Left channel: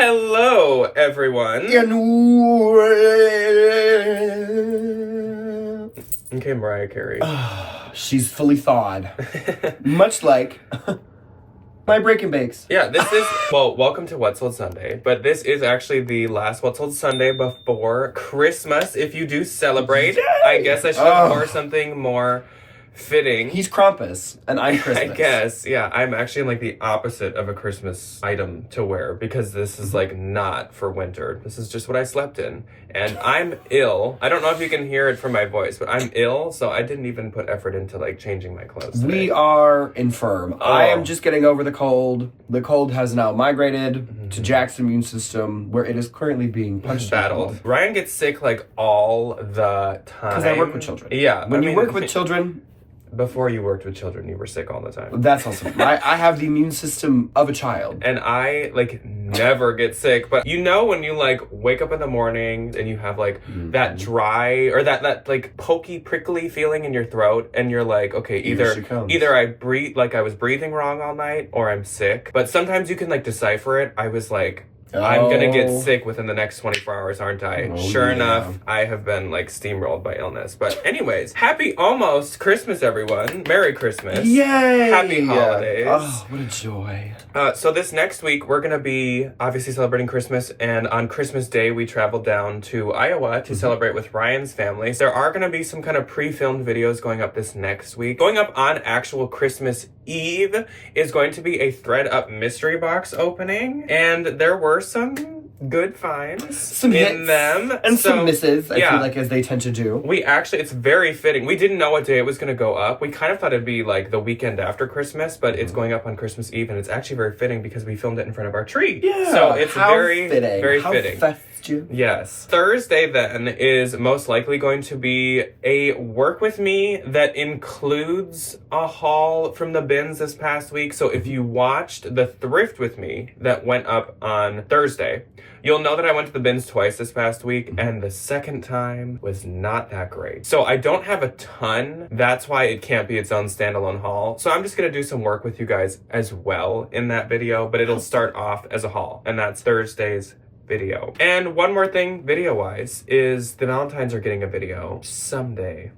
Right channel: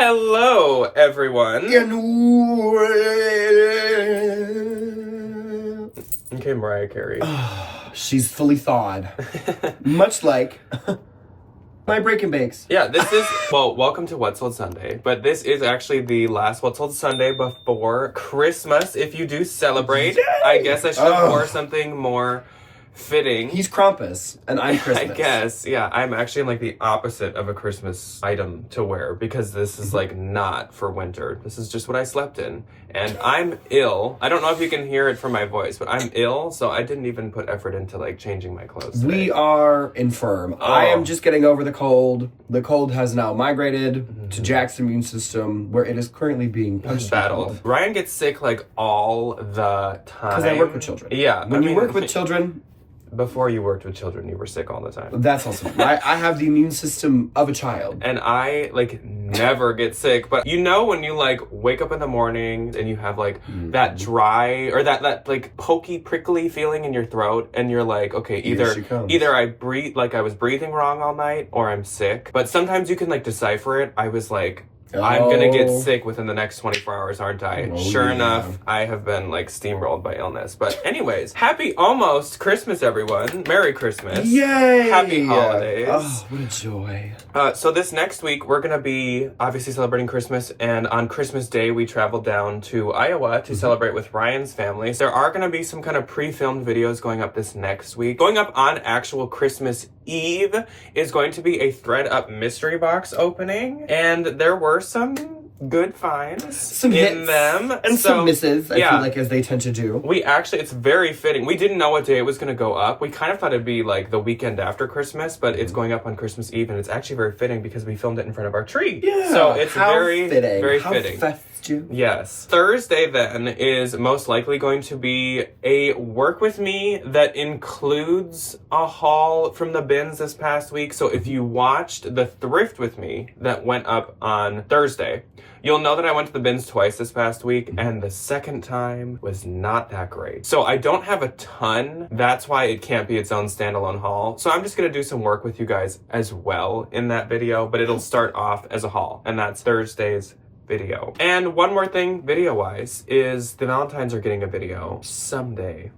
Hello, everyone. Okay, Mariah Carey. She's fully thawed. Much like my Break and Bakes. Yeah, this is, well, welcome to What's Sold Sunday, but this is actually the last What's Sold Sunday before Christmas. If you do celebrate, Yay! I guess I should have wore something more fitting. He's Krampus, and I'm Christmas. I guess, yeah. I'm actually like the opposite of a Christmas item to wear because this is like not for winter. This is just what I slept in. And I'm ill. I don't know if you can hear it from my voice, but I'm ill, so I didn't even put effort into like changing my clothes today. We are infirm. I am just getting over the cold. The cold has now migrated to Jack's immune system, where it is currently being punched battled. Ryan gets sick like all the time. Because I work with children. Yeah. When you work with children... Before you worked with children, you were sick all the time. That's awesome. I have the immune system of a child. And I, like, never get sick. But you know when you, like, wake up in the morning and you have, like, that dry or that like, pokey, prickly feeling in your throat. And you're like, okay, either I breathe, like, I was breathing wrong all night or I'm sick. But sometimes you can, like, decipher it. I was like... I'm gonna get sick within the next 24 hours, aren't I? Sure enough, I have been like steamrolled by illness. But anyways, happy almost Christmas, everyone. Merry Christmas. Yay! Happy holidays. Oh, what a joy. So this next week, we're gonna be obviously celebrating Christmas. And on Christmas Day, we traveled down to Iowa to celebrate with Ryan's family. There are gonna be some kind of pre-filmed videos going up this next week. Going up on actual Christmas Eve is going to be a thread up mystery box opening. And there were some good finds in them. And some misses, I feel like, as they tend to do. We actually, it's very fitting. We didn't know what day it was going to go up. We kind of thought it'd be like the weekend after Christmas, but it's going up on Christmas Eve, and it's actually very fitting because we filmed it in front of our tree. Yeah, so it's very fitting. Very how fitting. Festive. Yes. Thursday then is most likely going to be a work with me that includes a haul from the bins this past week. So if you watched the thrift with me that went up on Thursday, you'll know that I went to the bins twice this past week, and the second time was not that great. So I don't have a ton. That's why it can't be its own standalone haul. So I'm just going to do some work with you guys as well in that video, but it'll start off as a haul, and that's Thursday's video. And one more thing video-wise is the Valentines are getting a video someday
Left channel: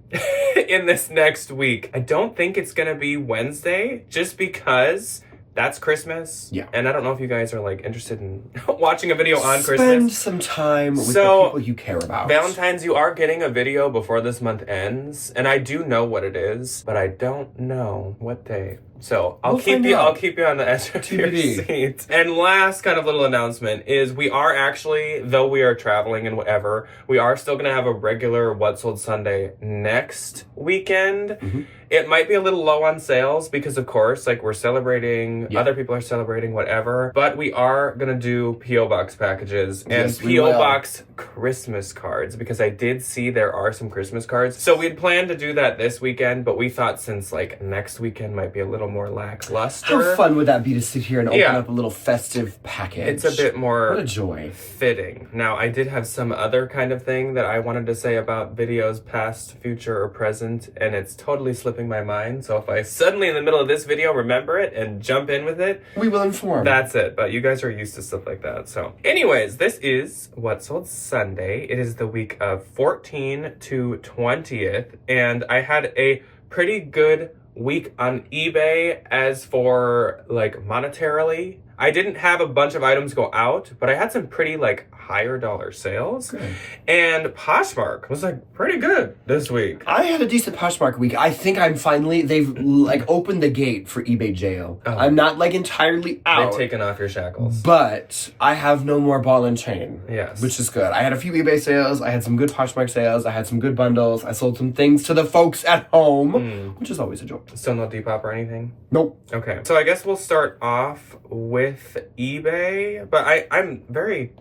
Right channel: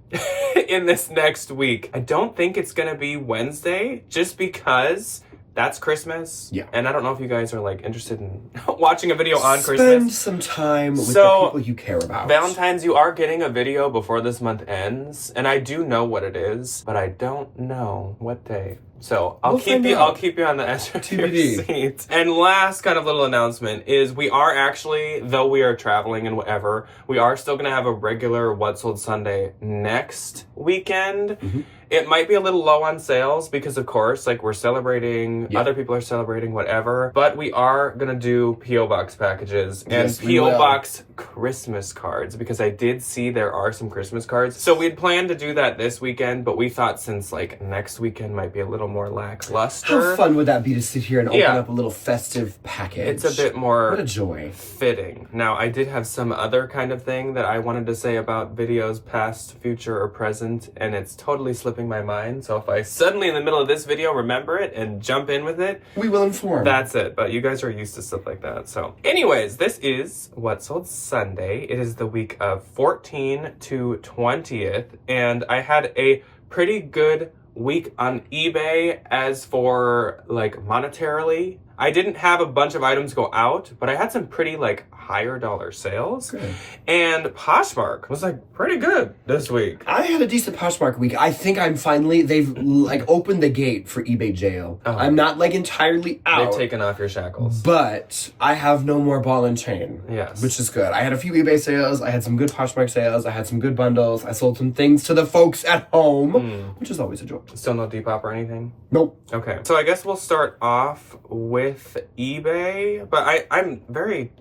in this next week. I don't think it's going to be Wednesday just because... that's Christmas. Yeah. And I don't know if you guys are like interested in watching a video on Christmas. Spend some time with the people you care about. Valentine's, you are getting a video before this month ends. And I do know what it is, but I don't know what day. So I'll keep you on the edge of your seat. And last kind of little announcement is we are actually, though we are traveling and whatever, we are still going to have a regular What's Sold Sunday next weekend. It might be a little low on sales because, of course, like we're celebrating, other people are celebrating, whatever. But we are going to do P.O. Box packages and P.O. Box Christmas cards because I did see there are some Christmas cards. So we'd planned to do that this weekend, but we thought since like next weekend might be a little more lackluster. How fun would that be to sit here and open up a little festive package? It's a bit more what a joy. Fitting. Now, I did have some other kind of thing that I wanted to say about videos past, future, or present, and it's totally slipping my mind. So if I suddenly in the middle of this video remember it and jump in with it, we will inform. That's it. But you guys are used to stuff like that. So anyways, this is What's Sold Sunday. It is the week of 14 to 20th, and I had a pretty good week on eBay as for like monetarily. I didn't have a bunch of items go out, but I had some pretty like higher dollar sales. Good. And Poshmark was like pretty good this week. I had a decent Poshmark week. I think I'm finally, they've like opened the gate for eBay jail. I'm not like entirely out. They've taken off your shackles. But I have no more ball and chain. Yes. Which is good. I had a few eBay sales. I had some good Poshmark sales. I had some good bundles. I sold some things to the folks at home, which is always a joy. Still no Depop or anything? Nope. Okay. So I guess we'll start off with eBay, but I'm very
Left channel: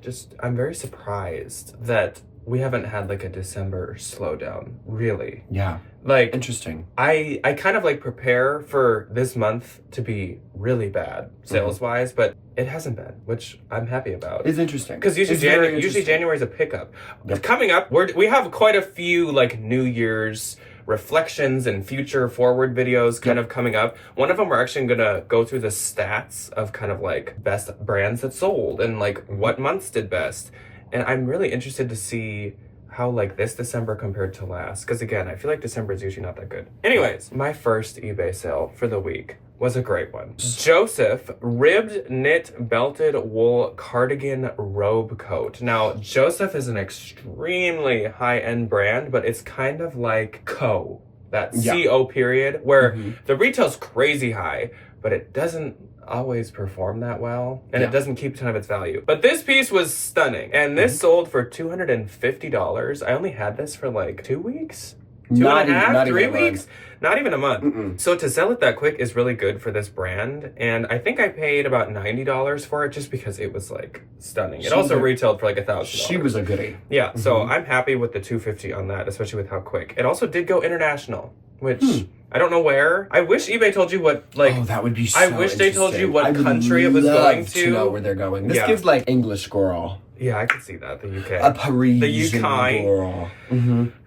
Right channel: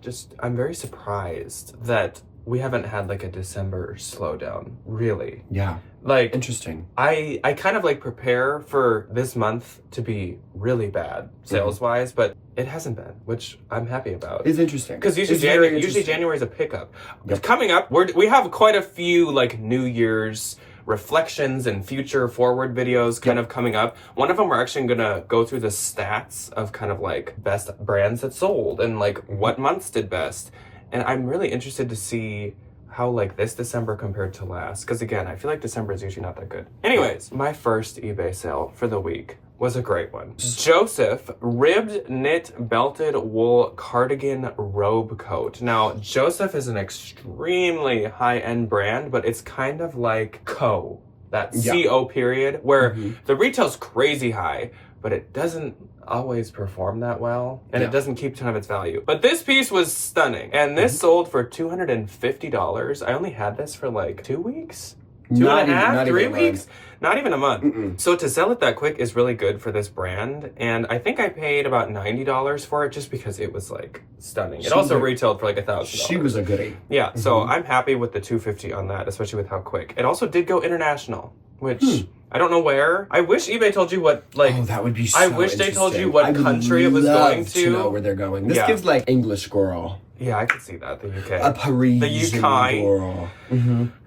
surprised that we haven't had like a December slowdown, really. Yeah. Like, interesting. I kind of like prepare for this month to be really bad sales wise, but it hasn't been, which I'm happy about. It's interesting. Because usually January is a pickup. Coming up, we have quite a few like New Year's reflections and future forward videos kind of coming up. One of them, we're actually going to go through the stats of kind of like best brands that sold and like what months did best. And I'm really interested to see how like this December compared to last. Because again, I feel like December is usually not that good. Anyways, my first eBay sale for the week was a great one. Joseph ribbed knit belted wool cardigan robe coat. Now, Joseph is an extremely high-end brand, but it's kind of like that CO period, where the retail's crazy high, but it doesn't always perform that well, and it doesn't keep a ton of its value. But this piece was stunning, and this sold for $250. I only had this for like 2 weeks? Two and a half, 3 weeks? Not even a month. So to sell it that quick is really good for this brand. And I think I paid about $90 for it just because it was like stunning. It also retailed for like $1,000. She was a goodie. Yeah, so I'm happy with the $250 on that, especially with how quick. It also did go international, which I don't know where. I wish eBay told you what, like... Oh, that would be so I wish they told you what country it was going to. Know where they're going. This gives like English girl. Yeah, I could see that. The UK. A Parisian the UK. girl.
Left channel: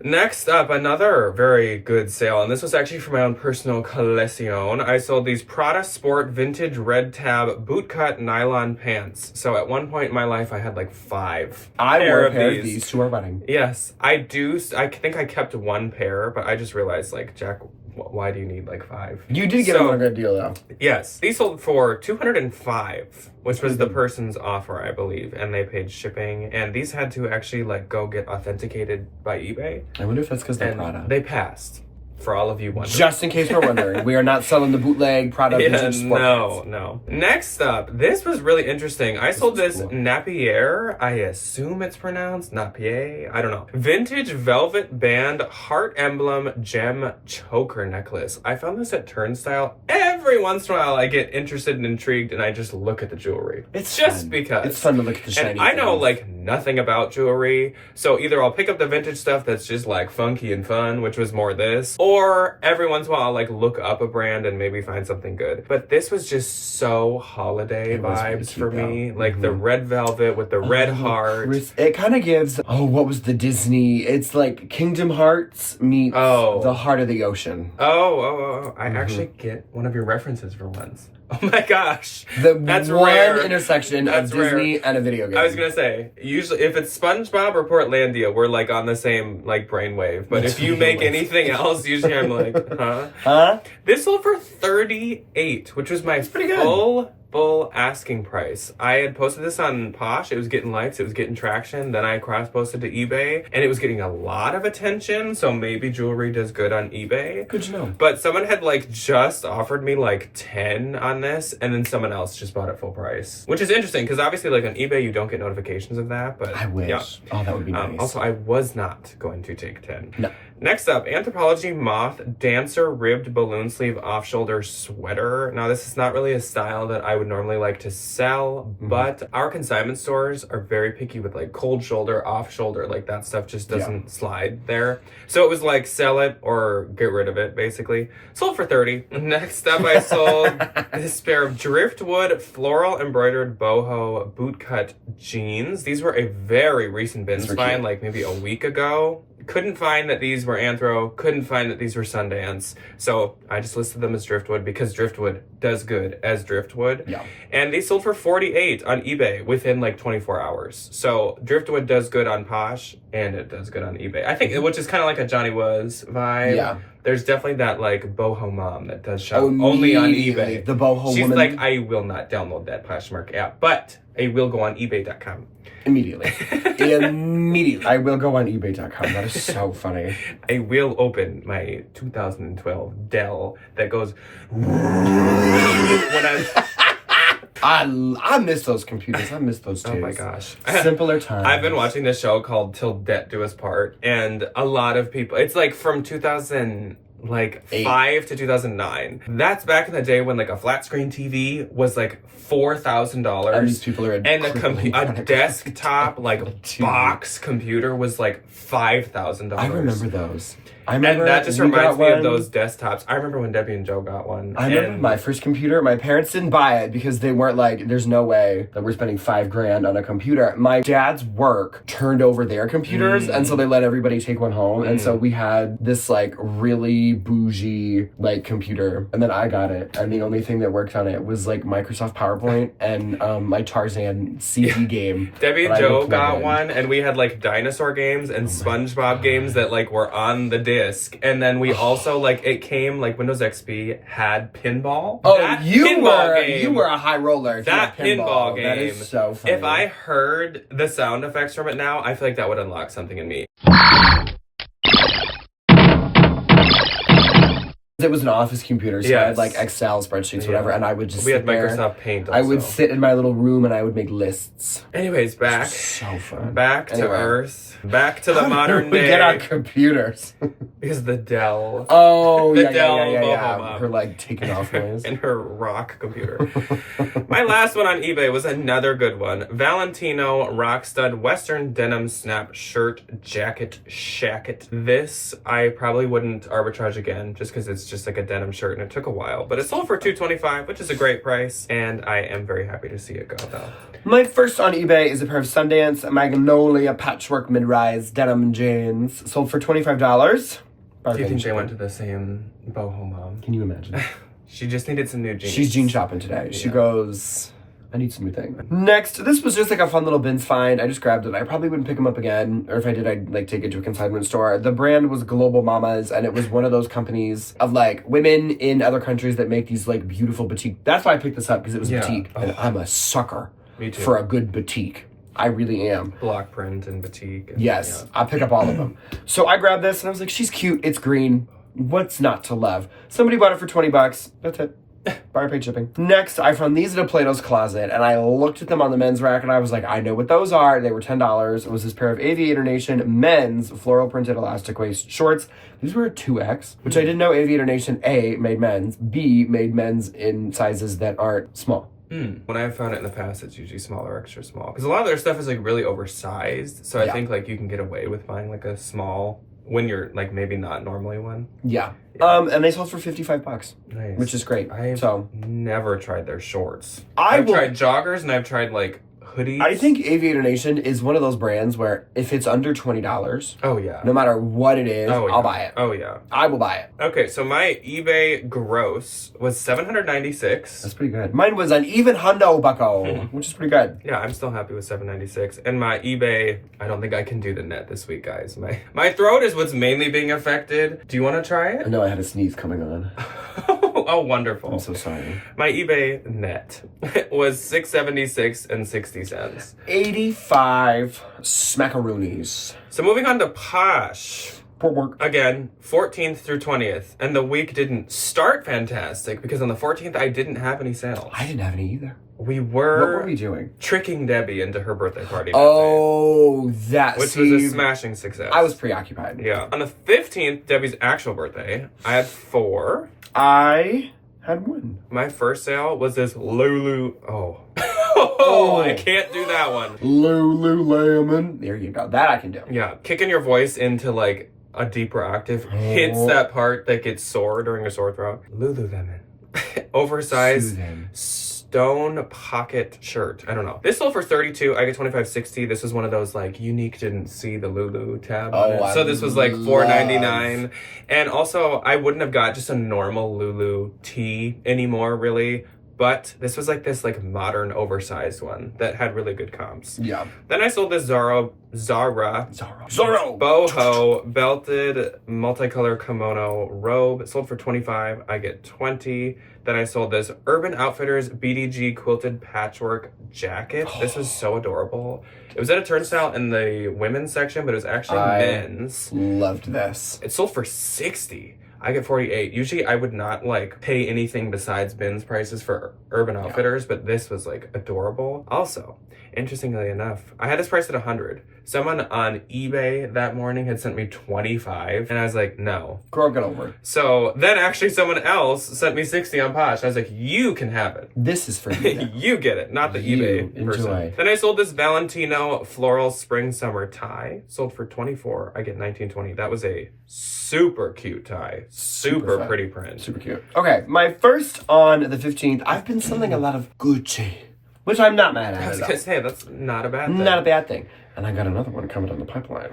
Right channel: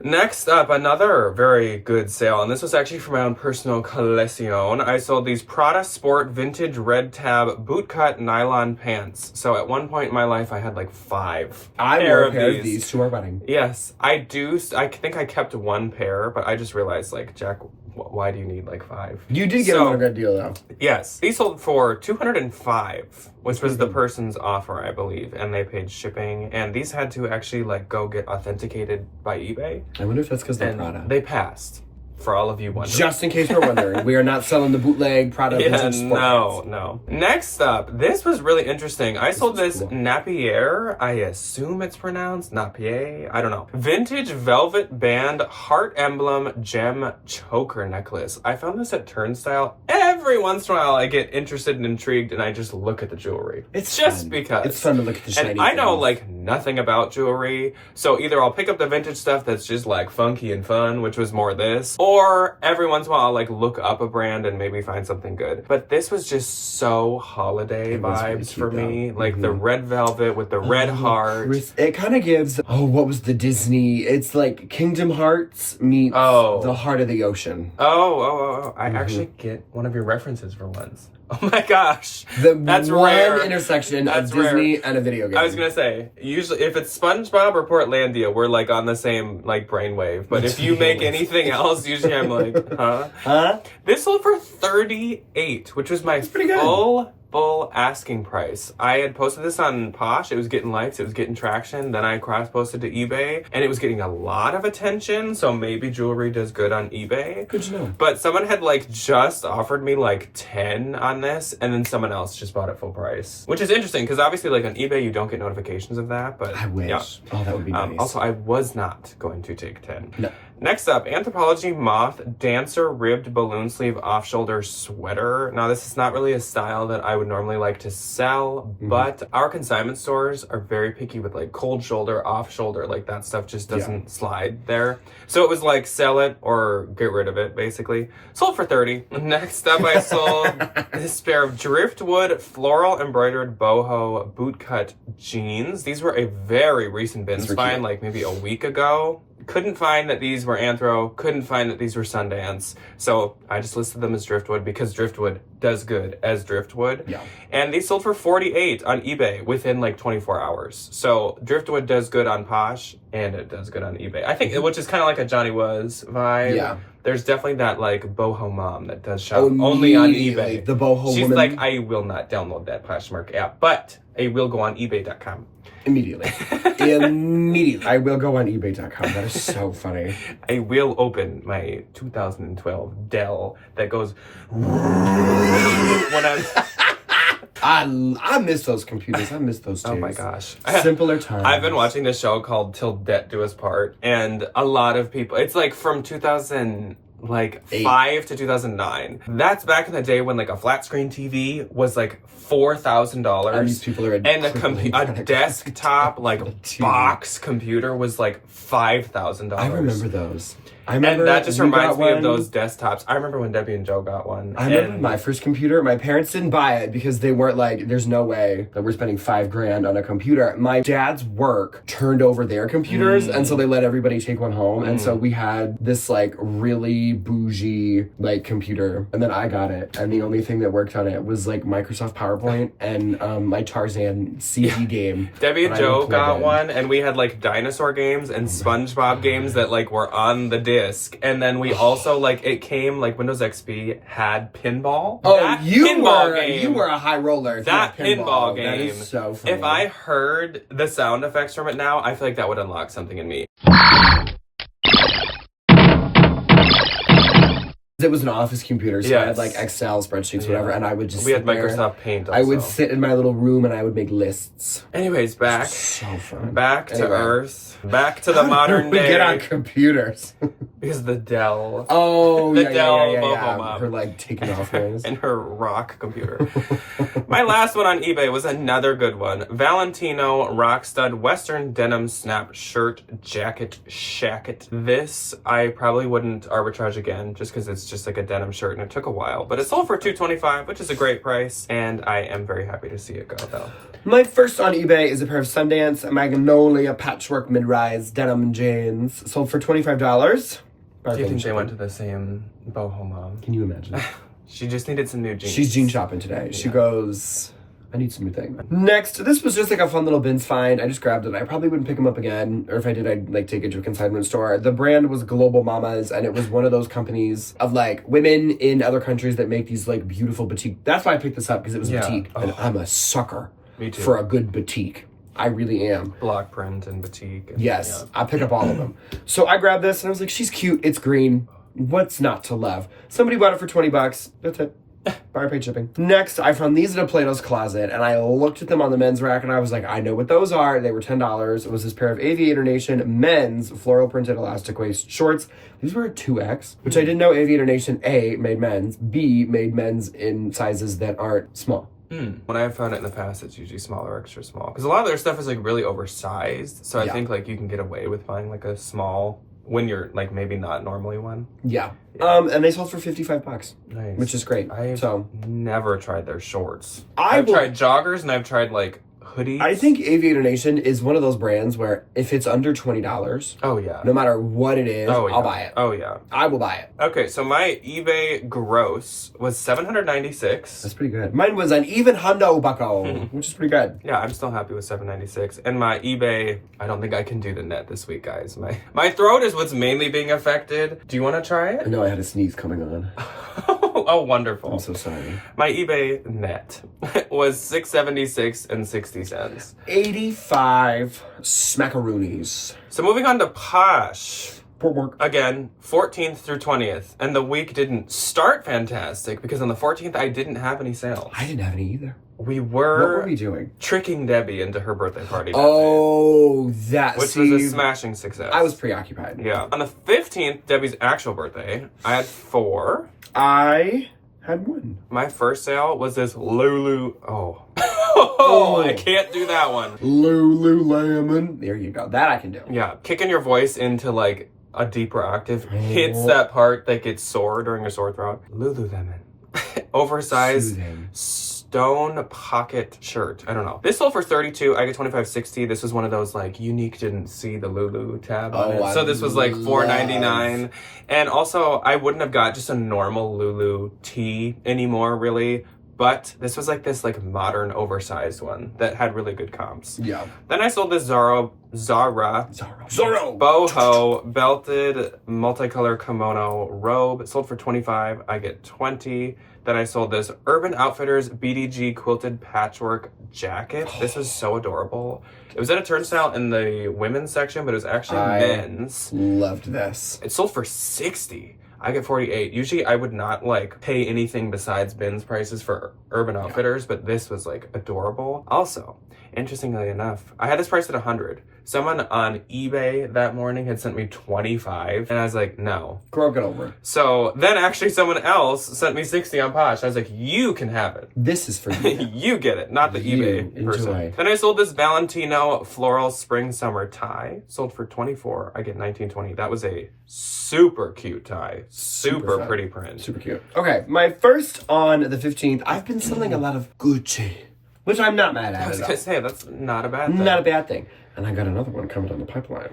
Next up, another very good sale, and this was actually for my own personal collection. I sold these Prada Sport vintage red tab bootcut nylon pants. So at one point in my life, I had like 5 I wore a pair of these to our wedding. Yes, I do. I think I kept 1 pair, but I just realized, like, Jack, why do you need like 5? You did get a good deal though. Yes, these sold for $205, which was the person's offer, I believe, and they paid shipping. And these had to actually like go get authenticated by eBay. I wonder if that's because they're Prada. They passed. For all of you wondering. Just in case we're wondering, we are not selling the bootleg Prada vintage sport pants. No. Next up, this was really interesting. I sold this Napier. I assume it's pronounced Napier. I don't know. Vintage velvet band heart emblem gem choker necklace. I found this at Turnstile. Every once in a while, I get interested and intrigued, and I just look at the jewelry. It's just fun. Because it's fun to look at the shiny And I know like nothing about jewelry, so either I'll pick up the vintage stuff that's just like funky and fun, which was more this, or every once in a while I'll like look up a brand and maybe find something good. But this was just so holiday vibes for me. Like the red velvet with the red heart. It kind of gives, what was the Disney? It's like Kingdom Hearts meets the Heart of the Ocean. I actually get one of your references for once. Oh my gosh. That's one rare. intersection of Disney and a video game. I was going to say, usually if it's SpongeBob or Portlandia, we're like on the same like brainwave. But if you make anything else, usually I'm like, huh? This sold for $38, which was my full asking price. I had posted this on Posh. It was getting likes. It was getting traction. Then I cross-posted to eBay, and it was getting a lot of attention. So maybe jewelry does good on eBay. Good to know. But someone had like just offered me like 10 on this, and then someone else just bought it full price, which is interesting because obviously like on eBay you don't get notifications of that. But I wish. Yeah. Oh, that would be nice. Also, I was not going to take 10. No. Next up, Anthropologie Moth Dancer Ribbed Balloon Sleeve Off-Shoulder Sweater. Now, this is not really a style that I would normally like to sell, but our consignment stores are very picky with like cold shoulder, off shoulder, like that stuff just doesn't slide there. So it was like sell it or get rid of it, basically. Sold for $30. Next up, I sold this pair of driftwood floral embroidered boho bootcut jeans. These were a very recent bins find, like maybe a week ago. Couldn't find that these were Anthro, couldn't find that these were Sundance. So I just listed them as driftwood because driftwood does good as driftwood. Yeah. And they sold for $48 on eBay within like 24 hours. So driftwood does good on Posh and it does good on eBay. I think, which is kind of like a Johnny Was vibe. Yeah. There's definitely that like boho mom that does shop only on eBay. The boho She's woman. like, I will not download that Poshmark app, but I will go on ebay.com. Immediately. I will go on ebay.com. That is so funny. I will open my 2012 Dell that goes when I miss those computers. I miss those days. Oh my gosh. Simpler times. I've been watching this show called Till Death Do Us Part, and a lot of people, it's like from 2005 to 2009. That's back in the day when like a flat screen TV was like $4,000. And these people are and a desktop like box computer was like $5,000. I remember those. I remember and that just we reminds got me of one. those desktops. I remember when Debbie and Joe got one. I remember and my first computer. My parents didn't buy it because they weren't like, there's no way that we're spending $5,000 on a computer. My dad's work turned over their computers, and so they let everybody take one home. And so we had this like really bougie like computer, and then I got it. And the only thing that worked on it was like Microsoft PowerPoint and my Tarzan CD game. Debbie and that I Joe would plug got in. one, and we had like dinosaur games and SpongeBob games that like were on the disc. And then we also like it came like Windows XP had pinball. Oh, That you pinball were game. you were a high roller. if you That had pinball game. That is so funny. If I heard the sound effects from it now, I feel like that would unlock something in me. It was an office computer, so I had Yes. like Excel spreadsheets, whatever, and I would just We had sit there. Microsoft Paint also. I would sit in my little room and I would make lists. Anyways, back So fun. back to Anyway. Earth. Back to the modern we day. get on computers. Because the Dell Oh, The yeah, Dell yeah. Bohoma. Her like taking off noise. and her rock computer. My last one on eBay was another good one. Valentino Rockstud Western Denim Snap Shirt Jacket Shacket. This I probably wouldn't arbitrage again just because it's just like a denim shirt and it took a while. But it sold for $225, which is a great price. And I am very happy to see it go though. My first on eBay is a pair of Sundance Magnolia patchwork mid-rise denim jeans. Sold for $25. Do you think they went to the same boho mom? Can you imagine? She just needed some new jeans. She's jean shopping today. She goes, I need some new thing. Next, this was just like a fun little bins find. I just grabbed it. I probably wouldn't pick them up again. Or if I did, I'd like take it to a consignment store. The brand was Global Mamas, and it was one of those companies of like women in other countries that make these like beautiful batik. That's why I picked this up, because it was batik. And I'm a sucker Me too. for a good batik. I really am. Block print and batik. And, Yes, yeah. I pick up all of them. So I grabbed this and I was like, she's cute. It's green. What's not to love? Somebody bought it for $20. That's it. Buyer paid shipping. Next, I found these in a Plato's Closet, and I looked at them on the men's rack, and I was like, I know what those are. They were $10. It was this pair of Aviator Nation men's floral printed elastic waist shorts. These were a 2X, which I didn't know Aviator Nation A made men's, B made men's in sizes that aren't small. When I've found it in the past, it's usually small or extra small. Because a lot of their stuff is like really oversized. So I think like you can get away with buying like a small when you're like maybe not normally one. Yeah. And they sold for $55, Nice. which is great. I've never tried their shorts. I've tried joggers and I've tried like hoodies. I think Aviator Nation is one of those brands where if it's under $20, Oh yeah. no matter what it is, Oh yeah. I'll buy it. Oh yeah. I will buy it. Okay, so my eBay gross was $796. That's pretty good. Mine was an even hundo bucko, which is pretty good. Yeah, I'm still happy with $796. And my eBay, I don't think I can do the net this week, guys. My throat is what's mainly being affected. Do you want to try I it? know I had a sneeze coming on. Oh, wonderful. I'm so sorry. My eBay net was $676 and 60 cents. 85 smackaroonies. So moving on to Posh. Poor work. Again, 14th through 20th. And the week didn't start fantastic because on the 14th I didn't have any sales. I didn't have any either. We What were were we doing? tricking Debbie into her birthday party. Oh, that which was a smashing success. I was preoccupied. Yeah. On the 15th, Debbie's actual birthday, I had 4. I had one. My first sale was this Lulu. Oh, I can't do that one. Lululemon. There you go. That I can do. Yeah, kicking your voice into like a deeper octave hits that part that gets sore during a sore throat. Lululemon. Oversized Soothing. stone pocket shirt. I don't know. This sold for $32. I get $25.60. This was one of those like unique didn't see the Lulu tab on it. So this was like $4.99. And also I wouldn't have got just a normal Lulu tee anymore really. But this was like this like modern oversized one that had really good comps. Yeah. Then I sold this Zara Zorro. boho belted multicolor kimono robe. It sold for $25. I get $20. Then I sold this Urban Outfitters BDG quilted patchwork jacket. This is so adorable. It was at a turnstile in the women's section, but it was actually men's. Loved this. It sold for $60. I get $48. Usually I would not like pay anything besides bins prices for Urban Outfitters, but this was like adorable. Also, Interestingly enough, I had this priced at 100. Someone on eBay that morning had sent me 25, and I was like, no. Girl, get over it. So then actually someone else sent me 60 on Posh. I was like, you can have it. This is for you. You get it, not the eBay person. Then I sold this Valentino floral spring summer tie. Sold for 24. I get 19.20. That was a super cute tie. Super pretty print. Super cute. Okay, my first on the 15th, I've been selling a lot of Gucci, which I'm not mad at. I was gonna say, that's not a bad thing. Not a bad thing. And I got another one coming down the pipeline,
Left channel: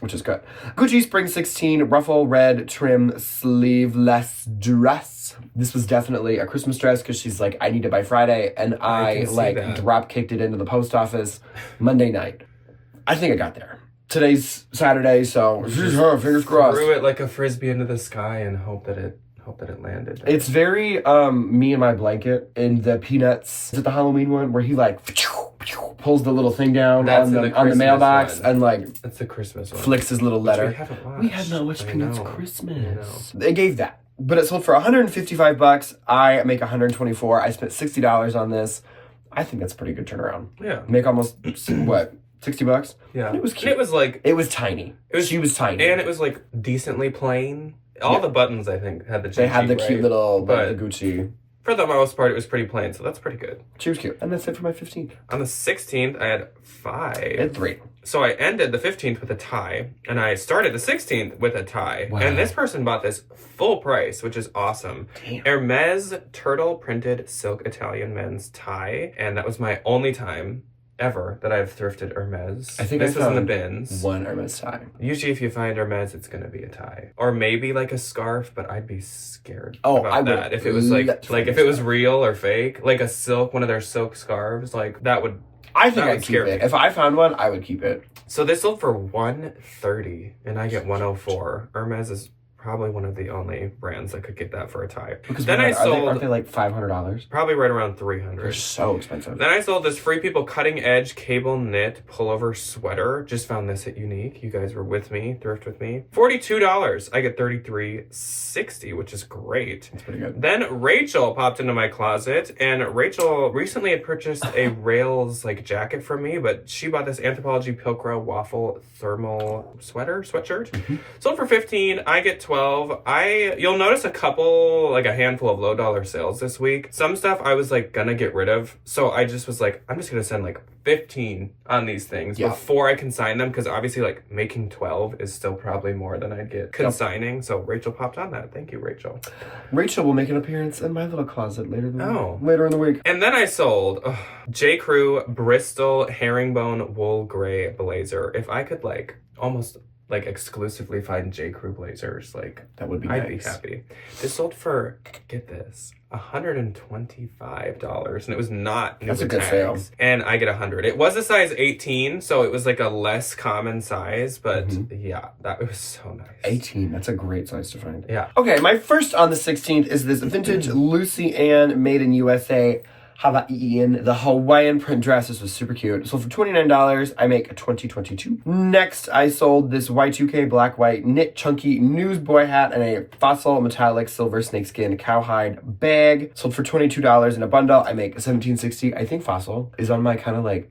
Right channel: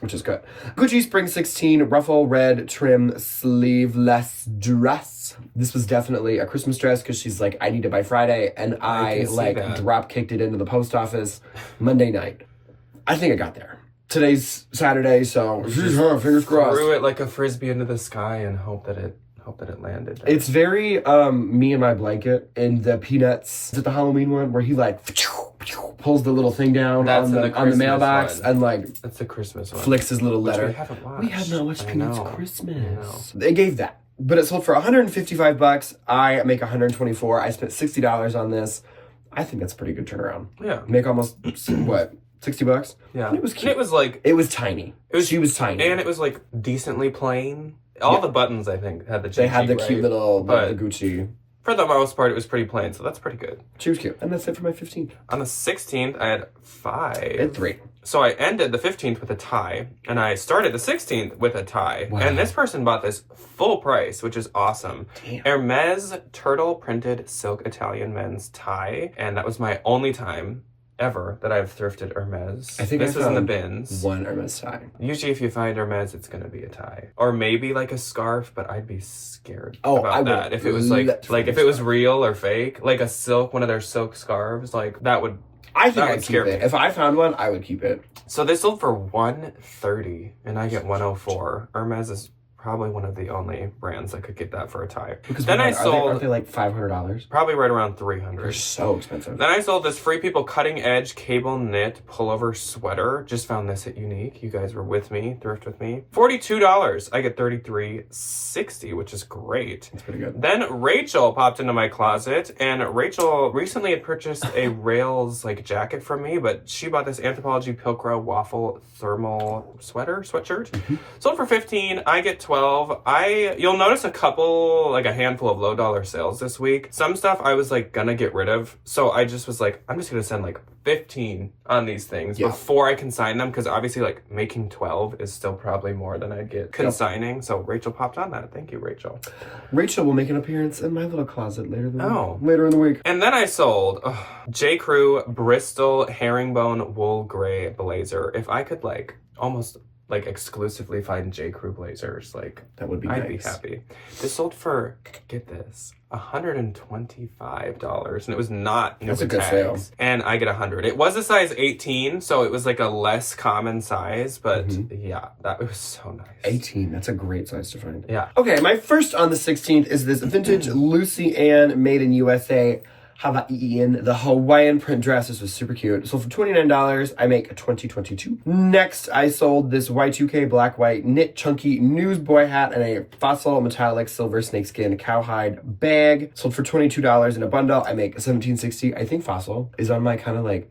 which is good. Gucci Spring 16 ruffle red trim sleeveless dress. This was definitely a Christmas dress because she's like, I need it by Friday. And I drop kicked it into the post office Monday night. I think I got there. Today's Saturday, so fingers crossed. Threw it like a frisbee into the sky and hope that it landed. It's very Me and My Blanket in the Peanuts. Is it the Halloween one where he like pulls the little thing down on the mailbox one. And like that's a Christmas one. Flicks his little letter. We haven't watched. We have not watched Peanuts Christmas. They gave that, but it sold for $155. I make $124. I spent $60 on this. I think that's a pretty good turnaround. Yeah, make almost what? $60? Yeah. And it was cute. It was like it was tiny. She was tiny. And it was like decently plain. All the buttons, I think, had the They had the cute little the Gucci. For the most part, it was pretty plain, so that's pretty good. She was cute. And that's it for my 15th. On the 16th, I had 5. And 3. So I ended the 15th with a tie, and I started the 16th with a tie. Wow. And this person bought this full price, which is awesome. Damn. Hermes turtle printed silk Italian men's tie, and that was my only time ever that I've thrifted Hermes. I think this was in the bins. One Hermes tie. Usually if you find Hermes, it's going to be a tie. Or maybe like a scarf, but I'd be scared about that. If it was like if it was real or fake, like a silk, one of their silk scarves, like that would I think I'd keep it. If I found one, I would keep it. So they sold for $130 and I get $104. Hermes is probably one of the only brands that could get that for a tie. Because then aren't they like $500? Probably right around $300. They're so expensive. Then I sold this Free People cutting edge cable knit pullover sweater. Just found this at Unique. You guys were with me, thrift with me. $42. I get $33.60, which is great. That's pretty good. Then Rachel popped into my closet, and Rachel recently had purchased a Rails like jacket from me, but she bought this Anthropologie Pilcrow waffle thermal sweatshirt. Mm-hmm. Sold for $15. I get $12. You'll notice a handful of low dollar sales this week. Some stuff I was like gonna get rid of, so I just was like, I'm just gonna send like 15 on these things before I consign them, because obviously like making 12 is still probably more than I'd get consigning. So Rachel popped on that. Thank you, Rachel. Rachel will make an appearance in my little closet later in the week. And then I sold J. Crew Bristol herringbone wool gray blazer. If I could like almost like exclusively find J. Crew blazers, like that would be I'd be happy. This sold for, get this, $125, and it was not that's a good sale. And I get 100. It was a size 18, so it was like a less common size, but yeah, that was so nice. 18, that's a great size to find. Yeah. Okay, my first on the 16th is this vintage Lucy Ann made in USA Hawaiian, the Hawaiian print dress. This was super cute. So for $29, I make a $20.22. Next, I sold this Y2K black white knit chunky newsboy hat and a fossil metallic silver snakeskin cowhide bag. Sold for $22 in a bundle. I make a $17.60. I think fossil is on my kind of like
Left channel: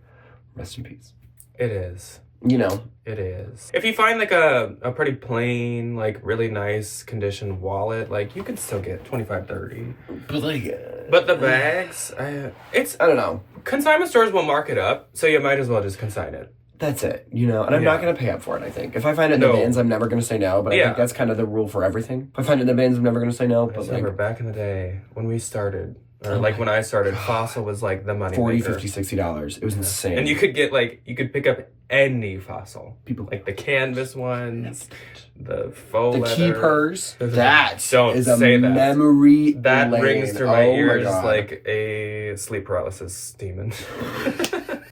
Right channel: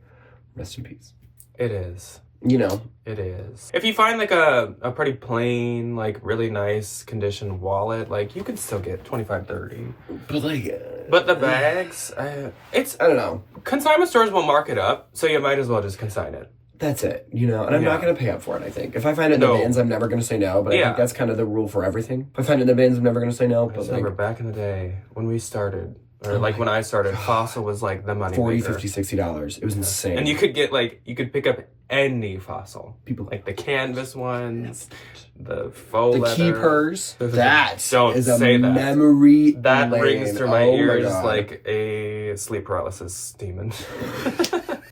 rest in peace. It is. You know. It is. If you find like a pretty plain, like really nice condition wallet, like you can still get $25-$30. But the bags, I don't know. Consignment stores will mark it up, so you might as well just consign it. That's it, you know, and I'm not going to pay up for it, I think. If I find it in the bins, I'm never going to say no, but I think that's kind of the rule for everything. If I find it in the bins, I'm never going to say no. I remember back in the day when we started, or like when I started, fossil was like the money $40, maker. $50, $60. It was insane. And you could get you could pick up any fossil. Like the canvas ones, the faux leather. Keepers. That is a say memory that lane. Rings through my ears like a sleep paralysis demon.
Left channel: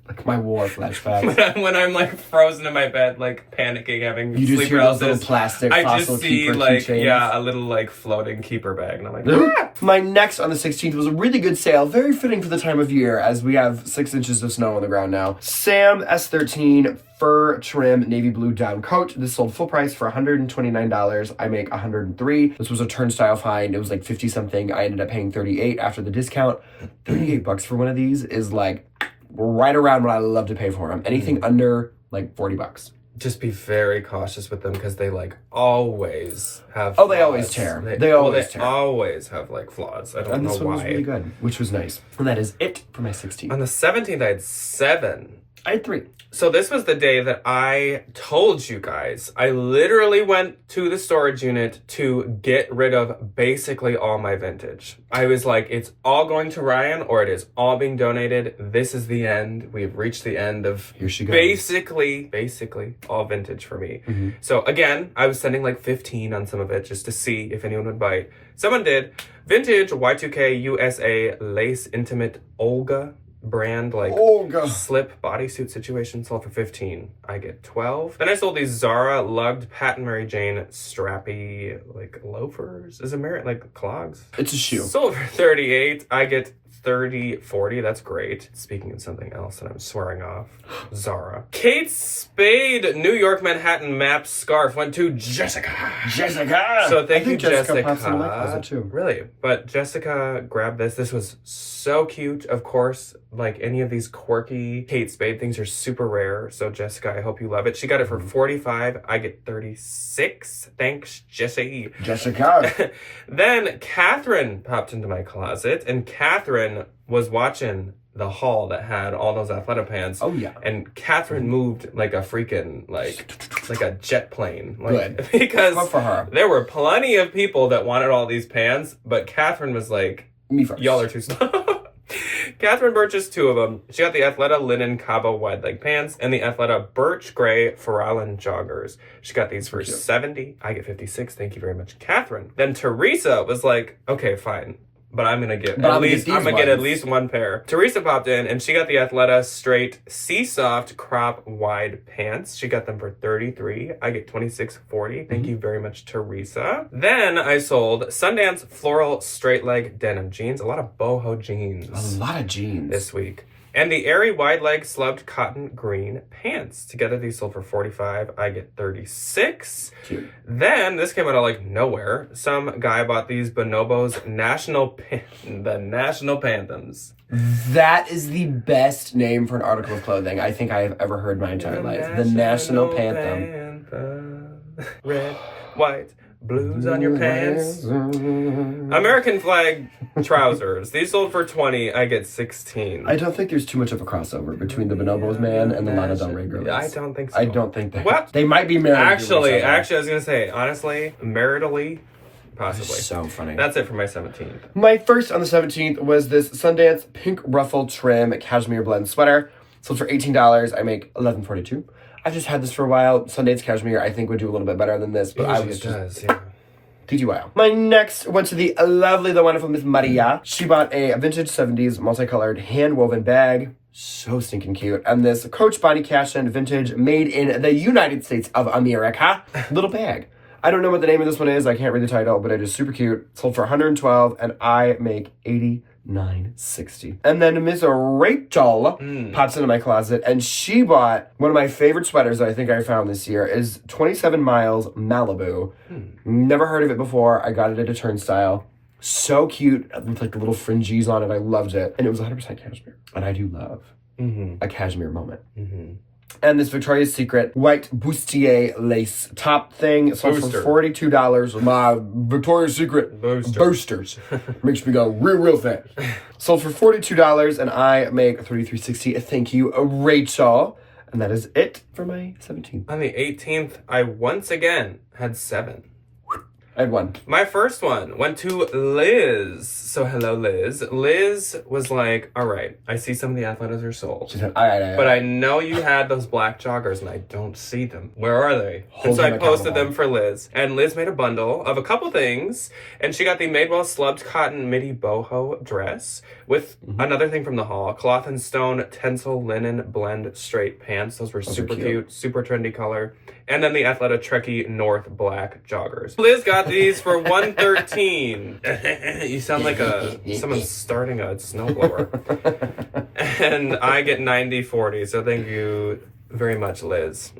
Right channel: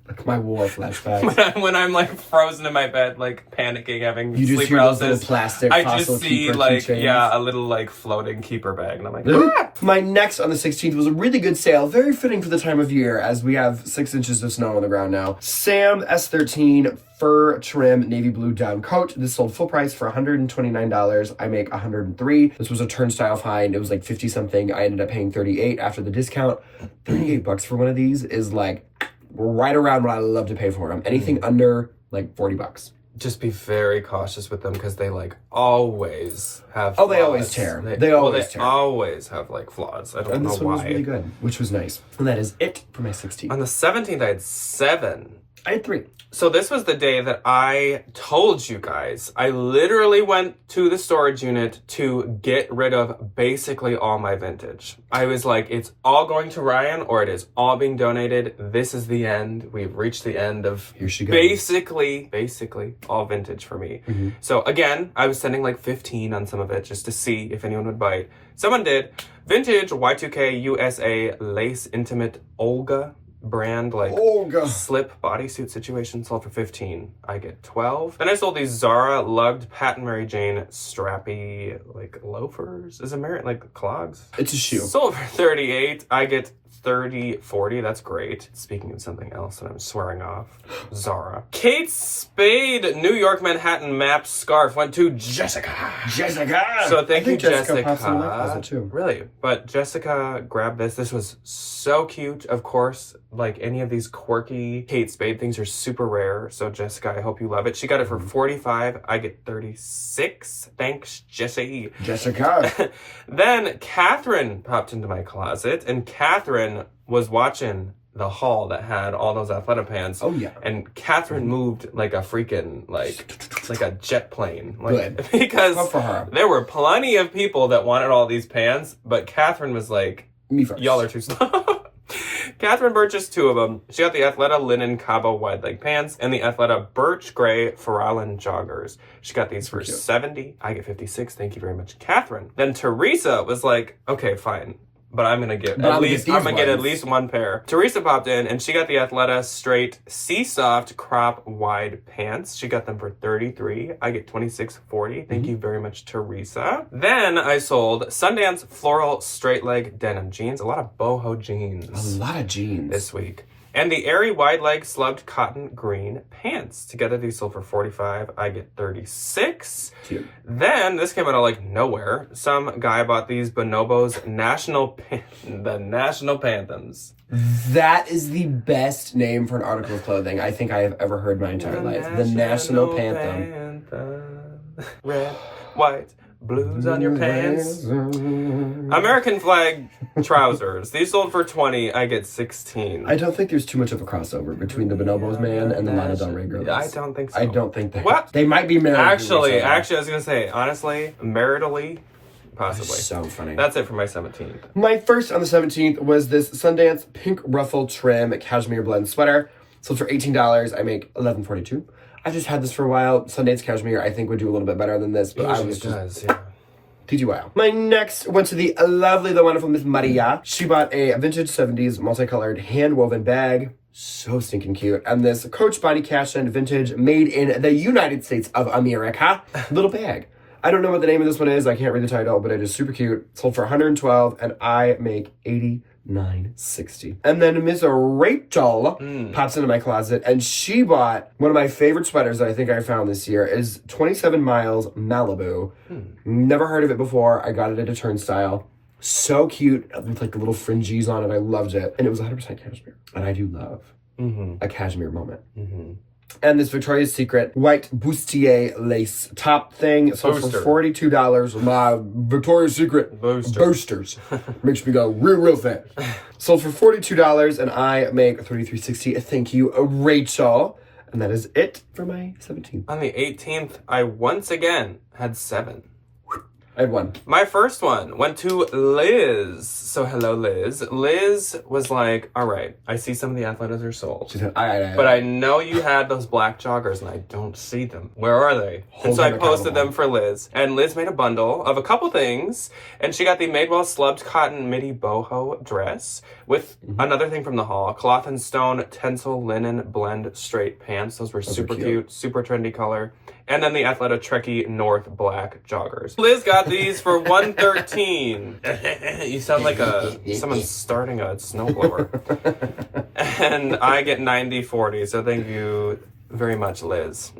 Like my war flashbacks. when I'm like frozen in my bed, like panicking, having you sleep paralysis. Those little plastic I fossil just see keychains. a little like floating keeper bag, and I'm like, My next on the 16th was a really good sale, very fitting for the time of year, as we have 6 inches of snow on the ground now. Sam S13 fur trim navy blue down coat. This sold full price for $129. I make $103. This was a turnstile find. It was like 50 something. I ended up paying $38 after the discount. $38 for one of these is like right around what I love to pay for them. Anything under like $40. Just be very cautious with them because they like always have Oh, flaws. they always tear. They always tear. Always have like flaws. I don't And know this one was why. really good, which was nice. And that is it for my 16th. On the 17th, I had 7. I had 3. So this was the day that I told you guys. I literally went to the storage unit to get rid of basically all my vintage. I was like, it's all going to Ryan or it is all being donated. This is the end. We've reached the end of Here she goes. basically all vintage for me. So again, I was sending like 15 on some of it just to see if anyone would bite. Someone did. Vintage Y2K USA lace intimate Olga brand, like slip bodysuit situation, sold for 15. I get 12. Then I sold these Zara lugged Pat and Mary Jane strappy like loafers. Is it like clogs? It's a shoe. Sold for 38. I get 30, 40. That's great. Speaking of something else that I'm swearing off, Zara. Kate Spade New York Manhattan map scarf went to Jessica. So thank you, Jessica. Pops in my closet too. Really? But Jessica grabbed this. This was so cute. Of course, like any of these quirky Kate Spade things are super rare. So Jessica, I hope you love it. She got it for 45. I get 36. Thanks, Jessie. Jessica. Then Catherine popped into my closet, and Catherine was watching the haul that had all those Athleta pants. Oh yeah. And Catherine moved like a freaking like a jet plane. Good. Because Good for her. there were plenty of people that wanted all these pants, but Catherine was like, me first. Y'all are too slow. Catherine purchased 2 of them. She got the Athleta linen Cabo wide leg pants and the Athleta birch gray Farallon joggers. She got these for 70. I get 56. Thank you very much, Catherine. Then Teresa was like, okay, fine. But I'm gonna get at least 1 pair. Teresa popped in and she got the Athleta straight Sea Soft crop wide pants. She got them for 33. I get 26.40. Thank you very much, Teresa. Then I sold Sundance floral straight leg denim jeans. A lot of boho jeans. A lot of jeans this week. And the airy wide leg slubbed cotton green pants. Together these sold for 45. I get 36. Cute. Then this came out of like nowhere. Some guy bought these Bonobos the National Panthems. That is the best name for an article of clothing I think I have ever heard my entire life. The National Panthem. Red, white, blues on your pants. American flag trousers. These sold for 20. I get 16. I don't think there's too much of a crossover between the Bonobos man and the Lana Del Rey girls. I don't think so. I don't think they. What? They might be married. Actually, I was gonna say, honestly, maritally, possibly. So funny. That's it for my 17th. My first on the 17th was this Sundance pink ruffle trim cashmere blend sweater. Sold for $18. I make $11.42. I've just had this for a while. Sundance cashmere, I think, would do a little bit better than this, but I was just... yeah. TGYL. My next went to the lovely, the wonderful Miss Maria. She bought a vintage 70s multicolored hand-woven bag. So stinking cute. And this Coach Bonnie Cashin vintage made in the United States of America little bag. I don't know what the name of this one is. I can't read the title, but it is super cute. Sold for $112, and I make $89.60. And then Miss Rachel pops into my closet, and she bought one of my favorite sweaters that I think I found this year is 27 Miles Malibu. Never heard of it before. I got it at a Turnstile. So cute with like the little fringes on it. I loved it. And it was 100% cashmere. And I do love a cashmere moment. And this Victoria's Secret white bustier lace top thing sold for $42. My Victoria's Secret boosters makes me go real fast. Sold for $42, and I make $33.60. Thank you, Rachel. And that is it for my 17th. On the 18th, I once again had 7. I had 1. My first one went to Liz. So hello, Liz. Liz was like, all right, I see some of the Athletas are sold. She said, but I know you had those black joggers and I don't see them. Where are they? And so I posted them for Liz. And Liz made a bundle of a couple things. And she got the Madewell slubbed cotton midi boho dress with another thing from the haul. Cloth and stone tencel linen blend straight pants. Those were super cute, super trendy color. And then the Athleta Trekkie North black joggers. Liz got these for $113. You sound like someone starting a snowblower. And I get $90.40. So thank you very much, Liz.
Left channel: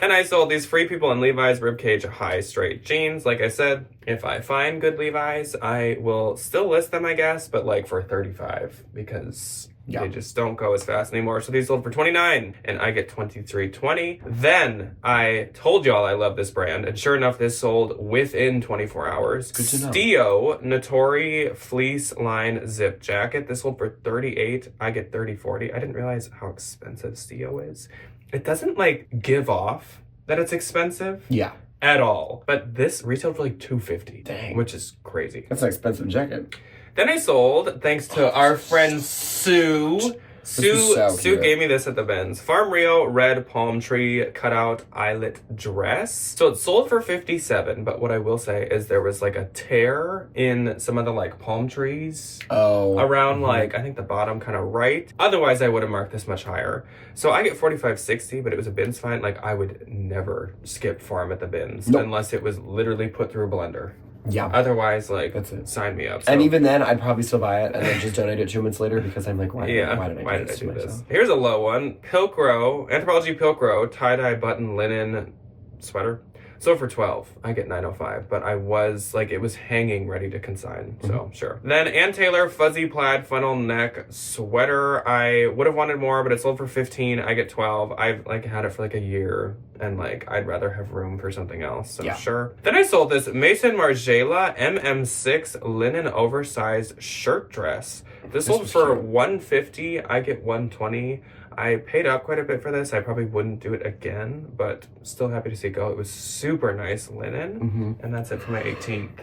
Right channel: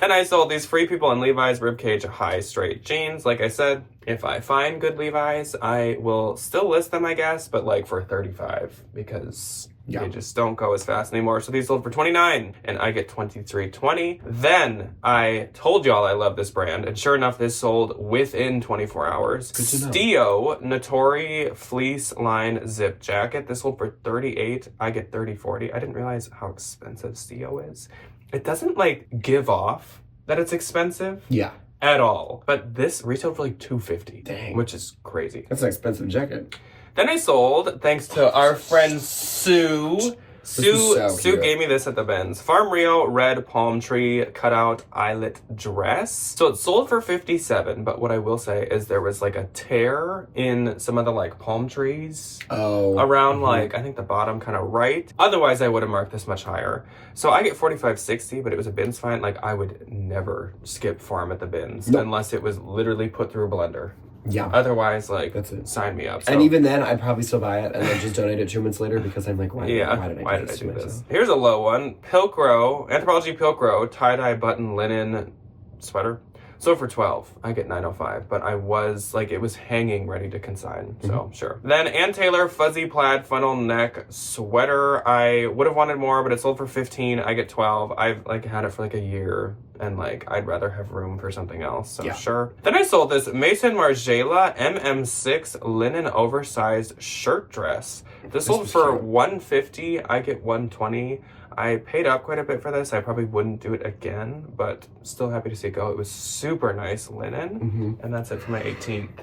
And I sold these Free People and Levi's Ribcage high straight jeans. Like I said, if I find good Levi's, I will still list them, I guess, but like for $35 because Yeah. They just don't go as fast anymore. So these sold for $29 and I get $23.20. Then I told y'all I love this brand, and sure enough, this sold within 24 hours. Good to know. Stio Notori Fleece Line Zip Jacket. This sold for $38. I get $30.40. I didn't realize how expensive Stio is. It doesn't like give off that it's expensive. Yeah. At all. But this retailed for like $250. Dang. Which is crazy. That's an expensive jacket. Then I sold, thanks to our friend Sue. Sue gave me this at the Benz. Farm Rio red palm tree cutout eyelet dress. So it sold for $57, but what I will say is there was like a tear in some of the like palm trees. Around like, I think the bottom kind of right. Otherwise I would have marked this much higher. So I get $45.60, but it was a Benz find. Like I would never skip farm at the Benz unless it was literally put through a blender. Yeah. Otherwise, like, that's it. Sign me up. So. And even then, I'd probably still buy it and then just donate it 2 months later because I'm like, why did I do this? Here's a low one. Pilcrow, Anthropologie Pilcrow, tie-dye button linen sweater. So for $12, I get $9.05, but I was like, it was hanging ready to consign, so sure. Then Ann Taylor fuzzy plaid funnel neck sweater. I would have wanted more, but it sold for $15. I get $12. I've like had it for like a year, and like I'd rather have room for something else, so sure. Then I sold this Mason Margiela MM6 linen oversized shirt dress. This sold for $150. I get $120. I paid up quite a bit for this. I probably wouldn't do it again, but still happy to see it go. It was super nice linen, and that's it for my 18th.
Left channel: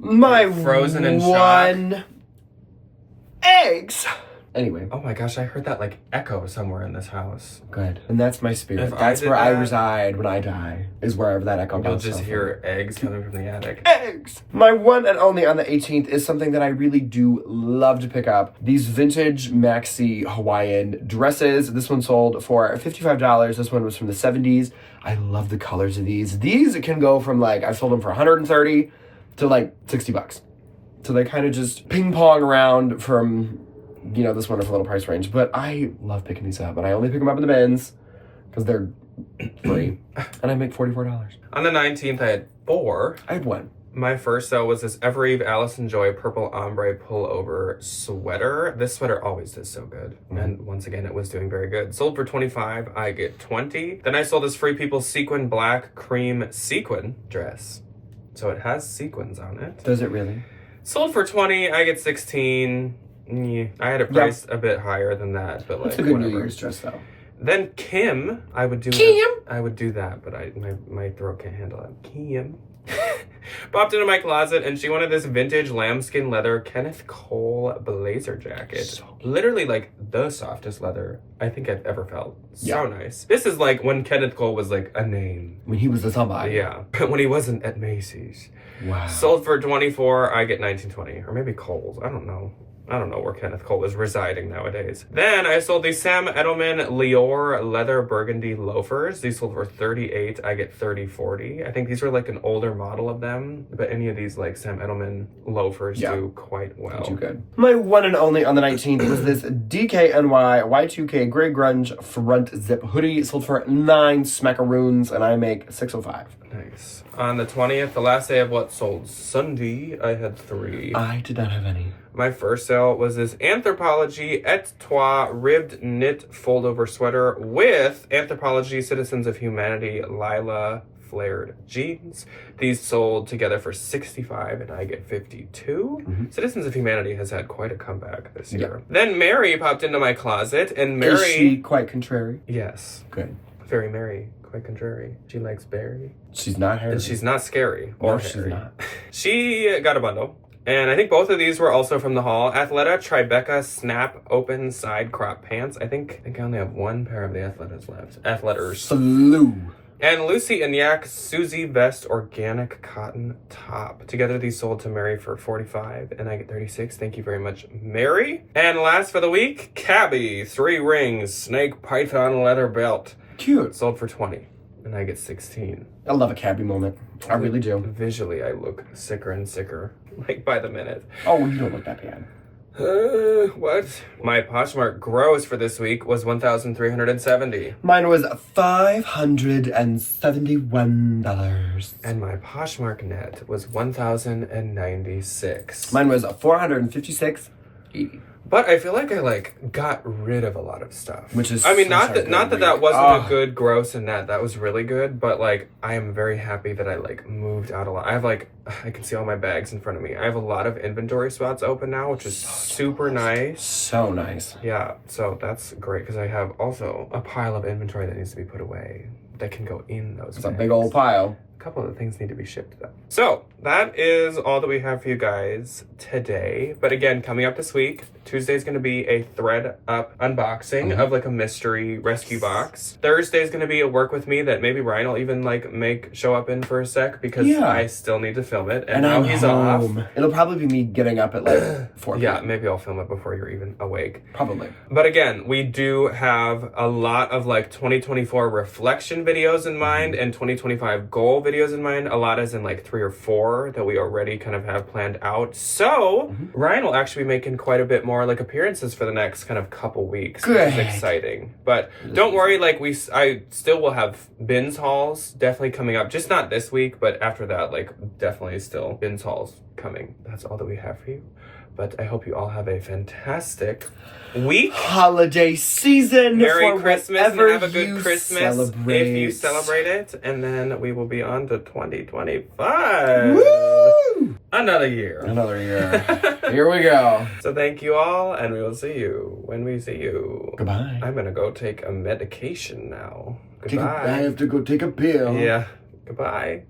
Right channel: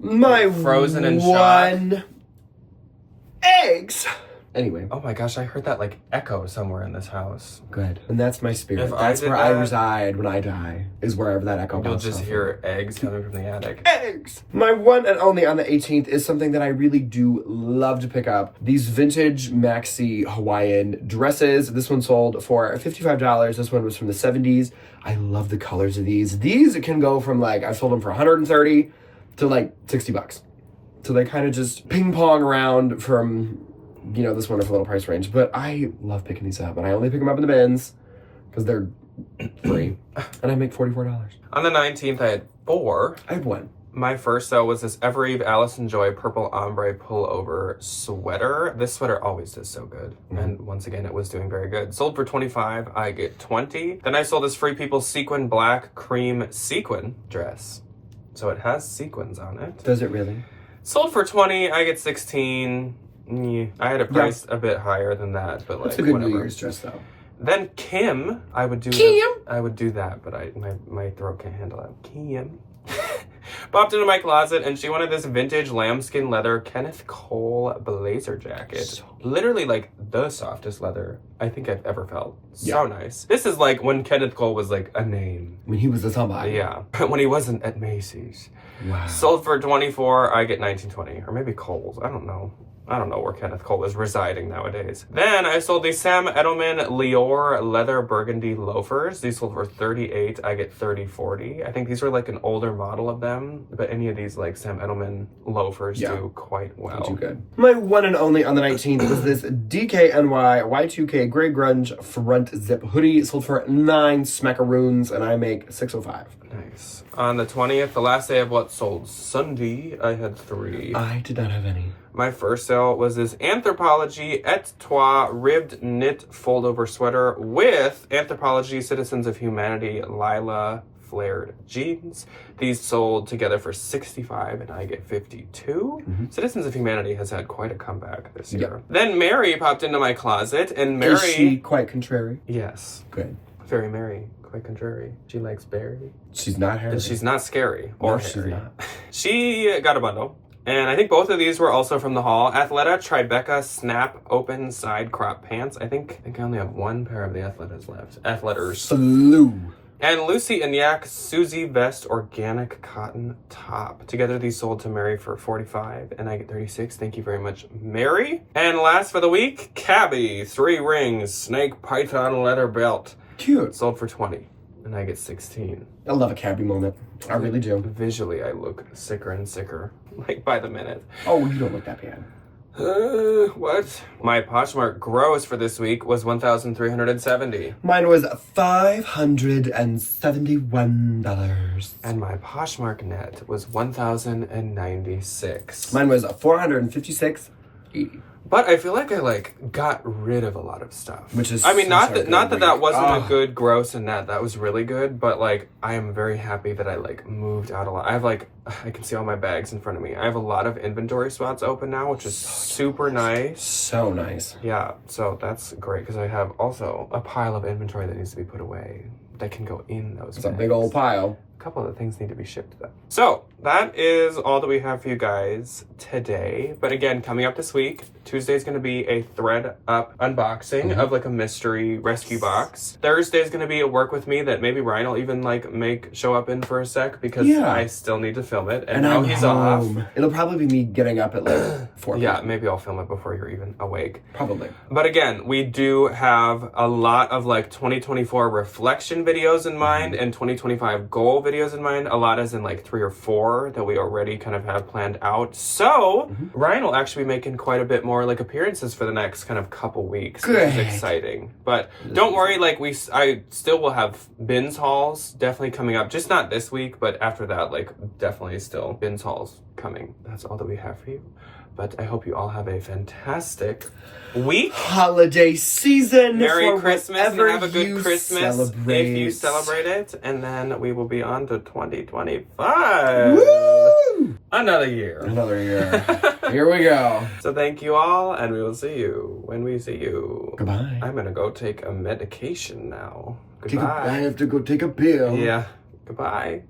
My frozen and shock. Eggs. Anyway. Oh my gosh, I heard that like echo somewhere in this house. Good. And that's my spirit. That's where I reside when I die, is wherever that echo comes from. You'll just hear eggs coming from the attic. Eggs! My one and only on the 18th is something that I really do love to pick up. These vintage maxi Hawaiian dresses. This one sold for $55. This one was from the 70s. I love the colors of these. These can go from like, I've sold them for $130 to like $60. So they kind of just ping pong around from, you know, this wonderful little price range. But I love picking these up, and I only pick them up in the bins because they're free, and I make $44. On the 19th, I had 4. I have 1. My first sale was this Evereve Allison Joy purple ombre pullover sweater. This sweater always does so good. And once again, it was doing very good. Sold for $25, I get $20. Then I sold this Free People sequin black cream sequin dress. So it has sequins on it. Does it really? Sold for $20, I get $16. I had a price a bit higher than that, but like, that's a good whatever. New Year's dress though. Then Kim, I would do that, but my throat can't handle it. Kim popped into my closet, and she wanted this vintage lambskin leather Kenneth Cole blazer jacket. Literally like the softest leather I think I've ever felt. So nice. This is like when Kenneth Cole was like a name. When he was a somebody. Yeah, when he wasn't at Macy's. Wow. Sold for $24, I get $19.20, or maybe Kohl's. I don't know where Kenneth Cole is residing nowadays. Then I sold these Sam Edelman Lior leather burgundy loafers. These sold for $38. I get $30.40. I think these were like an older model of them, but any of these like Sam Edelman loafers do quite well. Do good. My one and only on the 19th was this DKNY Y2K gray grunge front zip hoodie. It sold for $9 smackaroons, and I make $6.05. Nice. On the 20th, the last day of what sold Sunday, I had 3. I did not have any. My first sale was this Anthropologie Et Toi ribbed knit fold-over sweater with Anthropologie Citizens of Humanity Lila flared jeans. These sold together for $65, and I get $52. Citizens of Humanity has had quite a comeback this year. Then Mary popped into my closet, and Mary... Is she quite contrary? Yes. Good. Very Mary. Quite contrary. She likes Barry. She's not hairy. She's not scary or no, hairy. She's not. She got a bundle. And I think both of these were also from the haul. Athleta Tribeca Snap Open Side Crop Pants. I think I only have 1 pair of the Athletas left. Athleters. Slew. And Lucy and Yak Susie Vest Organic Cotton Top. Together these sold to Mary for $45, and I get $36. Thank you very much, Mary. And last for the week, Cabby 3 rings snake python leather belt. Cute. Sold for $20, and I get $16. I love a Cabby moment. I really do. Visually, I look sicker and sicker, like by the minute. Oh, you don't look that bad. What? My Poshmark gross for this week was $1,370. Mine was $571. And my Poshmark net was $1,096. Mine was $456.80. But I feel like I like got rid of a lot of stuff. Which is I mean, not such a that good that week. wasn't a good gross and that was really good, but like I am very happy that I like moved out a lot. I have like I can see all my bags in front of me. I have a lot of inventory spots open now, which is super nice. So nice. Yeah, so that's great because I have also a pile of inventory that needs to be put away that can go in those It's a bags. big old pile. A couple of the things need to be shipped though. So that is all that we have for you guys today. But again, coming up this week, Tuesday is going to be a thread up unboxing of like a mystery rescue box. Thursday is going to be a work with me that maybe Ryan will even like show up in for a sec because I still need to film it. And now I'm he's home. off. It'll probably be me getting up at like 4 Yeah, p.m. maybe I'll film it before you're even awake. Probably. But again, we do have a lot of like 2024 reflection videos in mind and 2025 goal videos in mind. A lot as in like 3 or 4 that we already kind of have planned out. So Ryan will actually be making quite a bit more like appearances for the next kind of couple weeks, which is exciting. But don't worry, like I still will have bins hauls definitely coming up. Just not this week, but after that, like definitely still bins hauls coming. That's all that we have for you. But I hope you all have a fantastic week. Holiday season. Merry for Christmas and whatever have a good you Christmas celebrate. if you celebrate it. And then we will be on to 2025. Woo! Another year. Another year. Here we go. So thank you all, and we will see you when we see you. Goodbye. I'm gonna go take a medication now. I Goodbye. have to go take a pill. Yeah. Goodbye.